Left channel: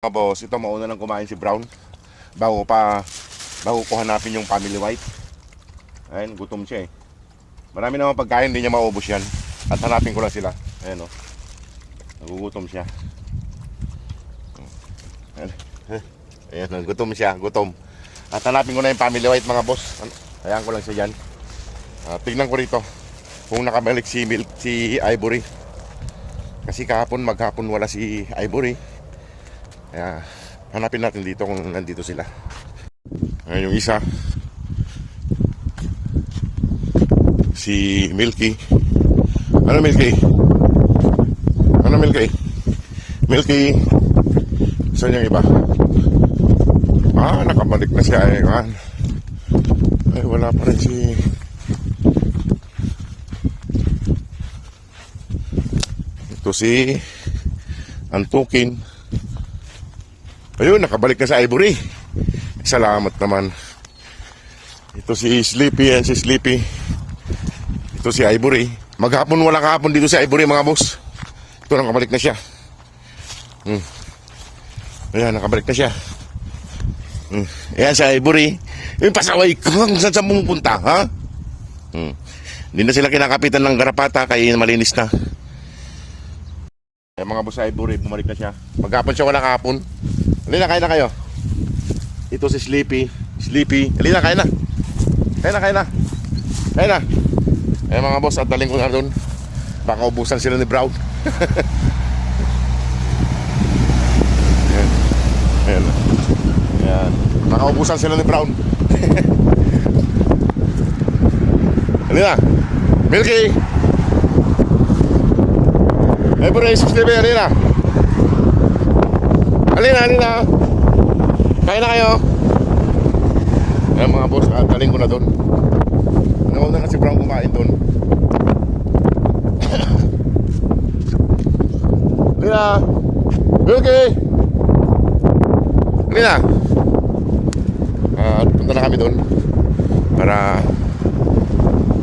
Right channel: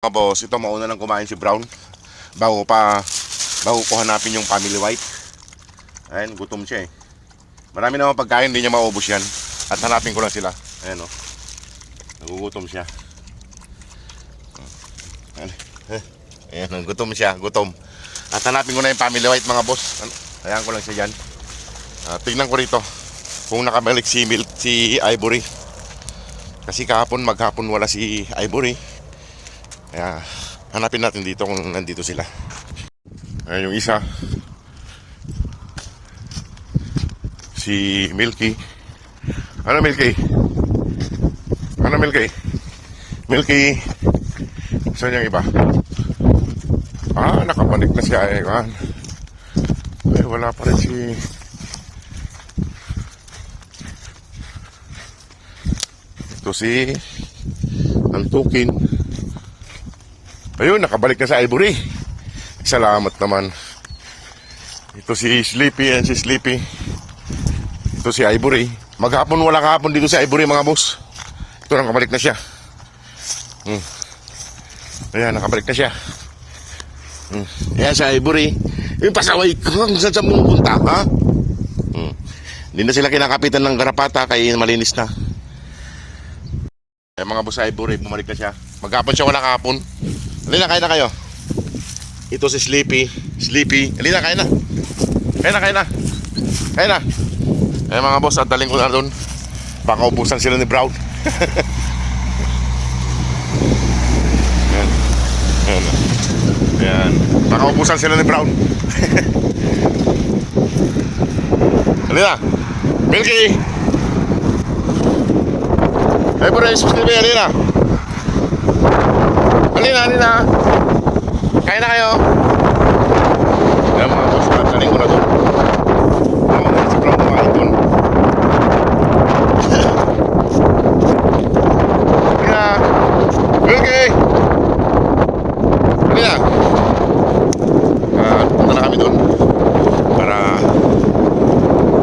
Mga boss, ito mauna nang kumain si Brown bago ko hanapin yung family white. Ayun, gutom siya eh. Marami naman pagkain, hindi niya maubos yan. At hanapin ko lang sila. Ayun o, nagugutom siya. Ayan, gutom siya, gutom. At hanapin ko na yung family white mga boss. Ayan ko lang siya dyan. Tignan ko rito kung nakabalik si Ivory. Kasi maghapon wala si Ivory. Kaya hanapin natin dito kung nandito sila. Ayun yung isa, si Milky. Ano Milky? Ano Milky? Milky. Saan yung iba? Nakabalik na si Aegan. Wala pa rin si ito si Antukin. Ayun, nakabalik na sa Ivory. Salamat naman. Ito si Sleepy, yan si Sleepy. Ito si Ivory. Maghapon wala kahapon dito sa Ivory mga boss. Ito, nakabalik na siya. Ayan, nakabalik na siya. Ayan sa Ivory. Yung pasaway ko, saan sa pumunta, ha? Hindi na sila kinakapitan ng garapata, kaya malinis na. Ayan mga boss sa Ivory, bumalik na siya. Maghapon siya wala kahapon. Halina, kain na kayo. Ito si Sleepy. Sleepy. Halina, kain na. Kain na, kain na. Kain na. Ayan mga boss, at daling ko na doon. Baka ubusan sila ni Brown. Ayan. Ayan. Ayan. Baka ubusan sila ni Brown. Halina. Milky. Ay, bro, Sleepy, halina. Halina. Kain na kayo. Ayan mga boss, daling ko na doon. Nauna si Brown kumain doon. Halina. Milky. Halina. Punta na kami doon para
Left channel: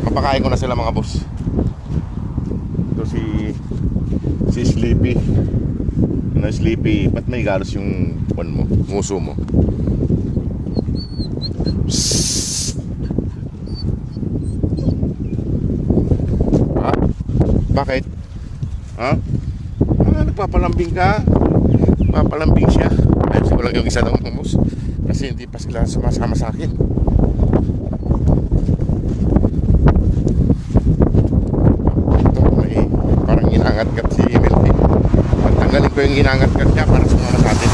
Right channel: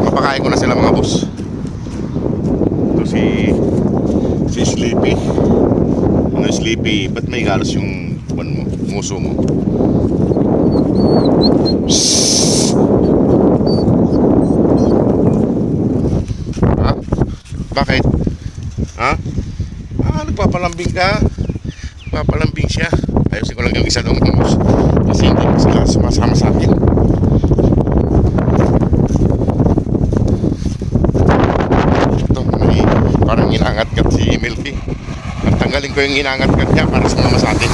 mapakain ko na sila mga boss. Ito si Sleepy. Mga Sleepy, ba't may galos yung nguso mo? Ha? Bakit? Ha? Nagpapalambing ka? Nagpapalambing siya. Ayusin ko lang yung isa ng nguso kasi hindi ko sila sumasama sa akin. Ito, may parang inangat-gat si Milky. Tanggalin ko yung inangat-gat niya para sumama sa atin.